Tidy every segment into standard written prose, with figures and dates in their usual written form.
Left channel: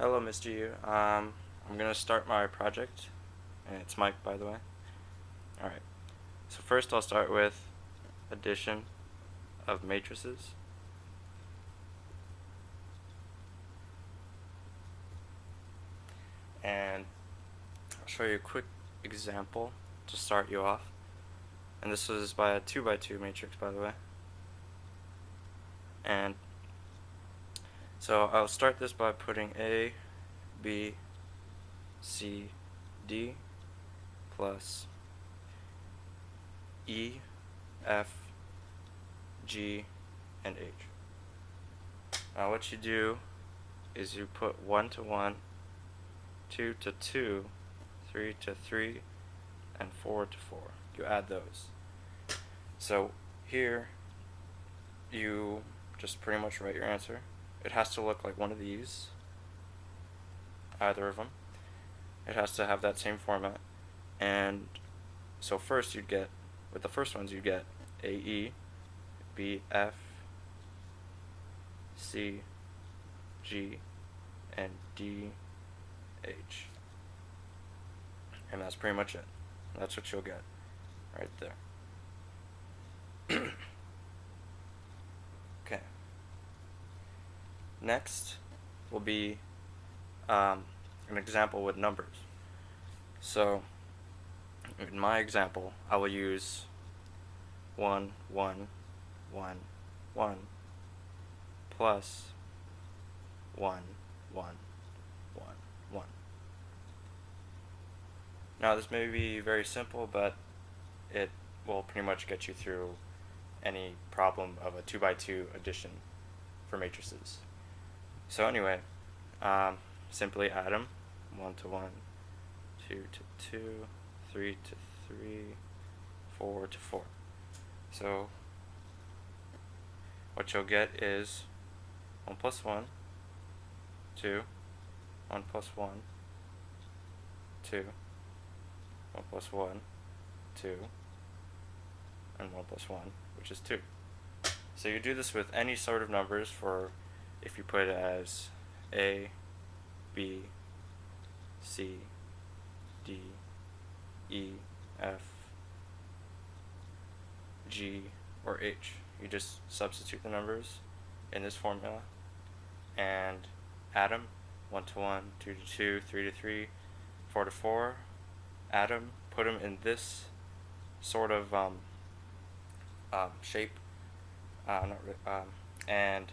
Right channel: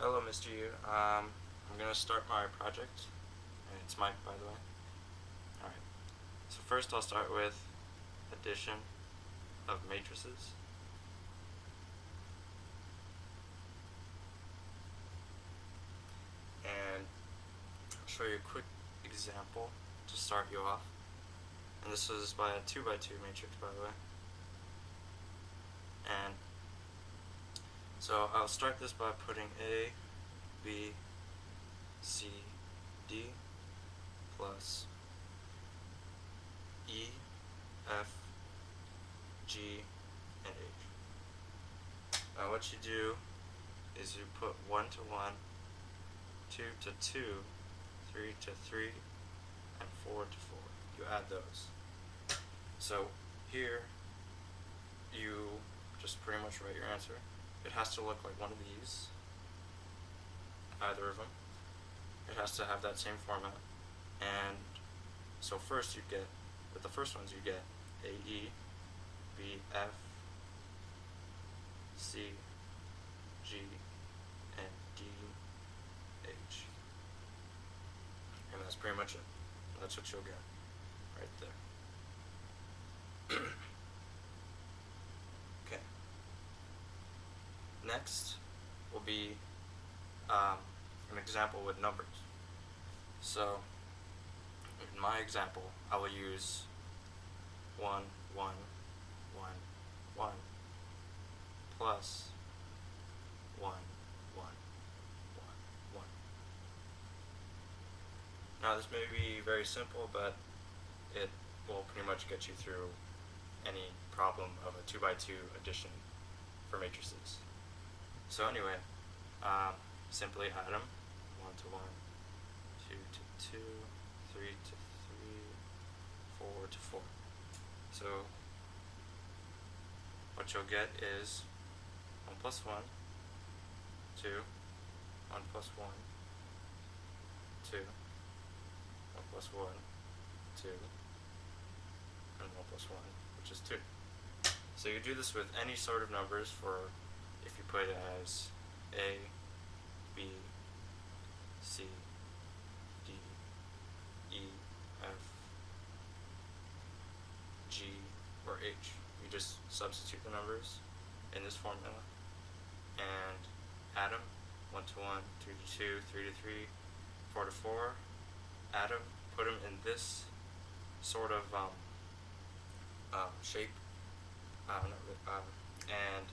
Hello, Mr. Yu. I'm gonna start my project, and it's Mike, by the way. All right. So first, I'll start with addition of matrices, and I'll show you a quick example to start you off. And this is by a 2 by 2 matrix, by the way. And so I'll start this by putting A, B, C, D plus E, F, G, and H. Now what you do is you put 1 to 1, 2 to 2, 3 to 3, and 4 to 4. You add those. So here you just pretty much write your answer. It has to look like one of these, either of them. It has to have that same format. And so first you'd get, with the first ones, you'd get AE, BF, C, G, and DH. And that's pretty much it. That's what you'll get right there. Okay. Next will be an example with numbers. So in my example, I will use 1, 1, 1, 1 plus 1, 1, 1, 1. Now this may be very simple, but it will pretty much get you through any problem of a 2 by 2 addition for matrices. So anyway, simply add them, 1 to 1, 2 to 2, 3 to 3, 4 to 4. So what you'll get is 1 plus 1, 2, 1 plus 1, 2, 1 plus 1, 2, and 1 plus 1, which is 2. So you do this with any sort of numbers for if you put it as A, B, C, D, E, F, G, or H. You just substitute the numbers in this formula and add them, 1 to 1, 2 to 2, 3 to 3, 4 to 4, add them, put them in this sort of shape, and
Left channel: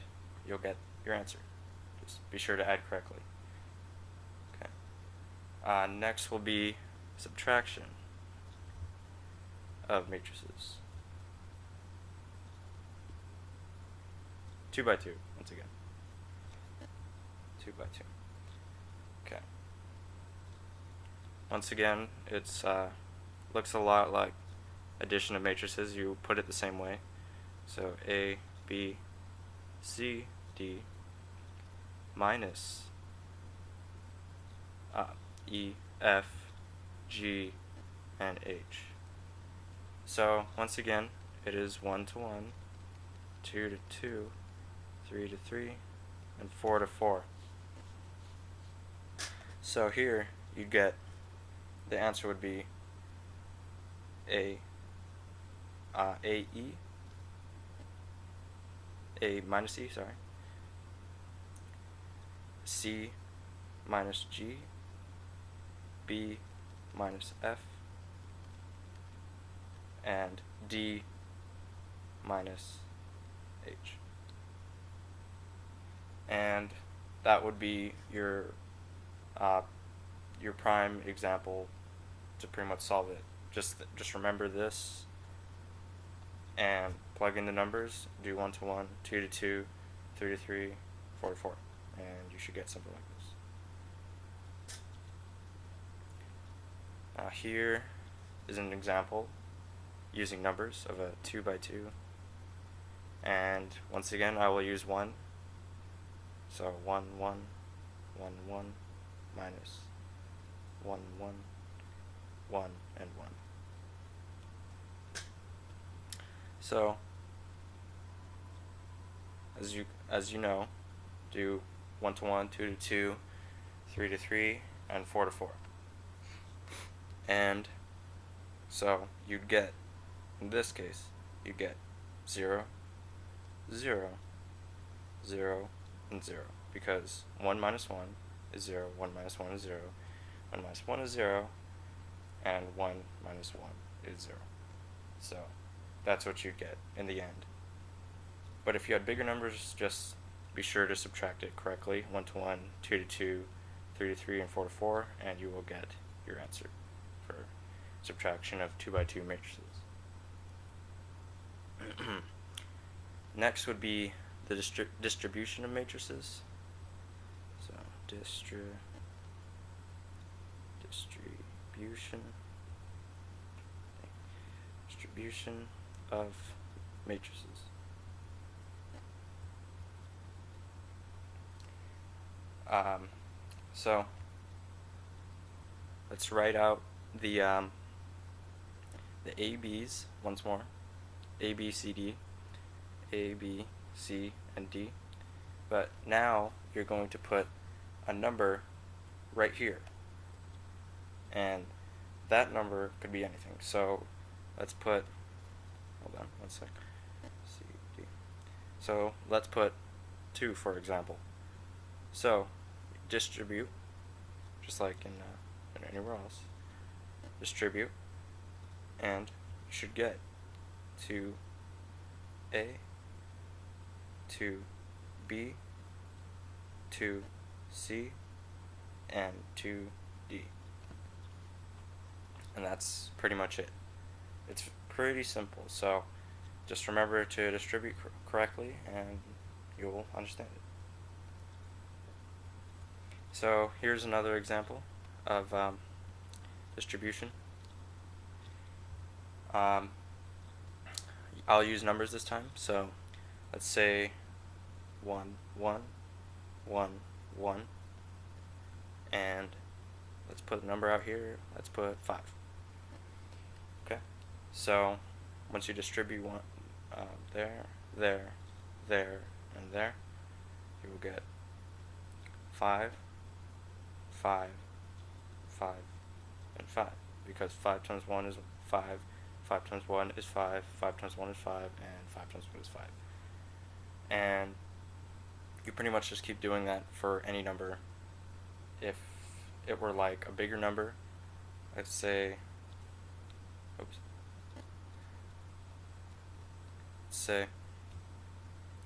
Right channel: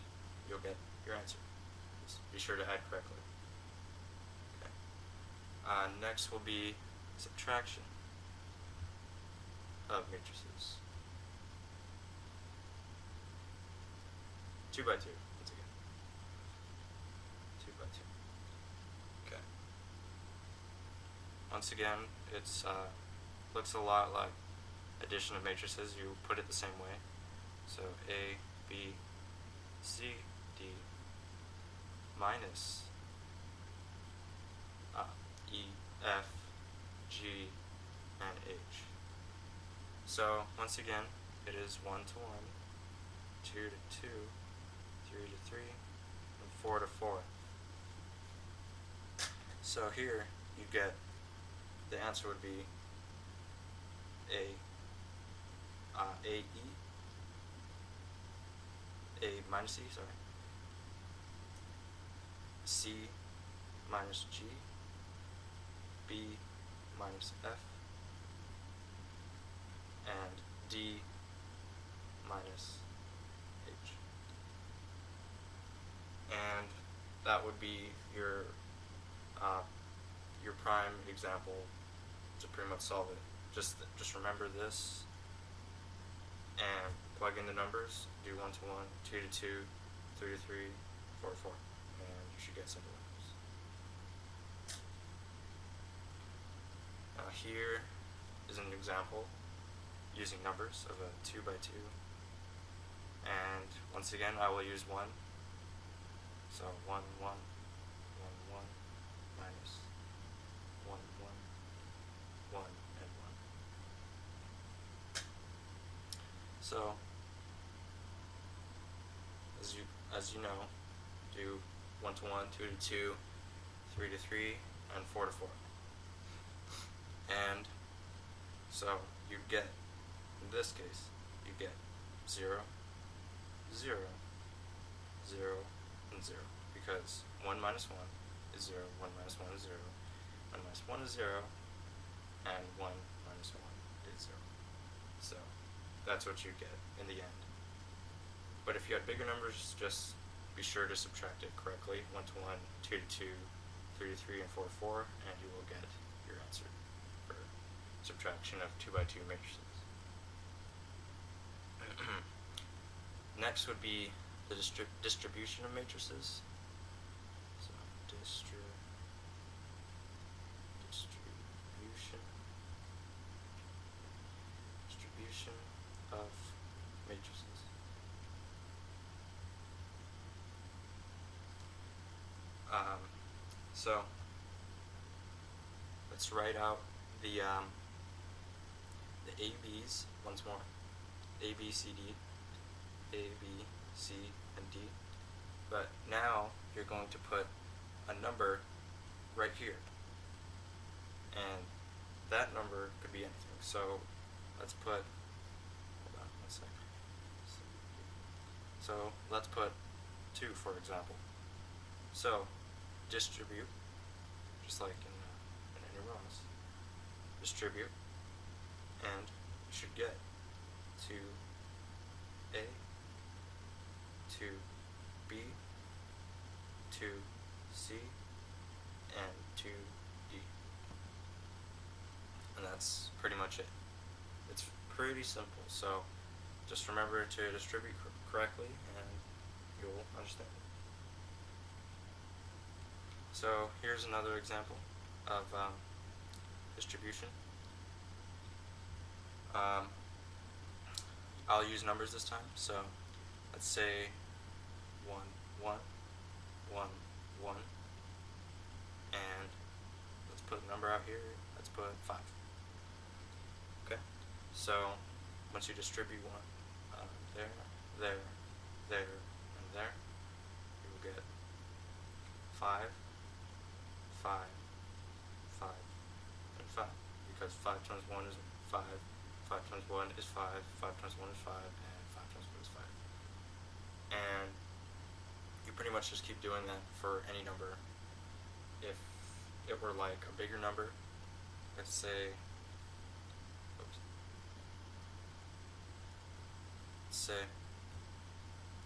you'll get your answer. Just be sure to add correctly. Okay. Next will be subtraction of matrices. 2 by 2, once again. 2 by 2. Okay. Once again, it's looks a lot like addition of matrices. You put it the same way. So A, B, C, D minus E, F, G, and H. So once again, it is 1 to 1, 2 to 2, 3 to 3, and 4 to 4. So here you get, the answer would be AE, A minus E, sorry, C minus G, B minus F, and D minus H. And that would be your prime example to pretty much solve it. Just remember this and plug in the numbers, do 1 to 1, 2 to 2, 3 to 3, 4 to 4, and you should get something like this. Now here is an example using numbers of a 2 by 2, and once again I will use 1, so 1, 1, 1, 1, minus 1, 1, 1, and 1. So as you know, do 1 to 1, 2 to 2, 3 to 3, and 4 to 4. And so you'd get, in this case, you'd get 0, 0, 0, and 0. Because 1 minus 1 is 0, 1 minus 1 is 0, 1 minus 1 is 0, and 1 minus 1 is 0. So that's what you'd get in the end. But if you had bigger numbers, just be sure to subtract it correctly. 1 to 1, 2 to 2, 3 to 3, and 4 to 4, and you will get your answer for subtraction of 2 by 2 matrices. Next would be the distribution of matrices. So distribution of matrices. So let's write out the ABs once more. A, B, C, D. A, B, C, and D. But now you're going to put a number right here. And that number could be anything. So let's put, hold on one sec. C, D. So let's put 2, for example. So distribute, just like in anywhere else. Distribute, and you should get 2A, 2B, 2C, and 2D. And that's pretty much it. It's pretty simple, so just remember to distribute correctly and you'll understand it. So here's another example of distribution. I'll use numbers this time, so let's say 1, 1, 1, 1, and let's put a number out here, let's put 5. Okay, so once you distribute one there, there, there, and there, you will get 5, 5, 5, and 5, because 5 times 1 is 5, 5 times 1 is 5, 5 times 1 is 5, and 5 times 1 is 5. And you pretty much just keep doing that for any number. If it were like a bigger number, let's say, let's say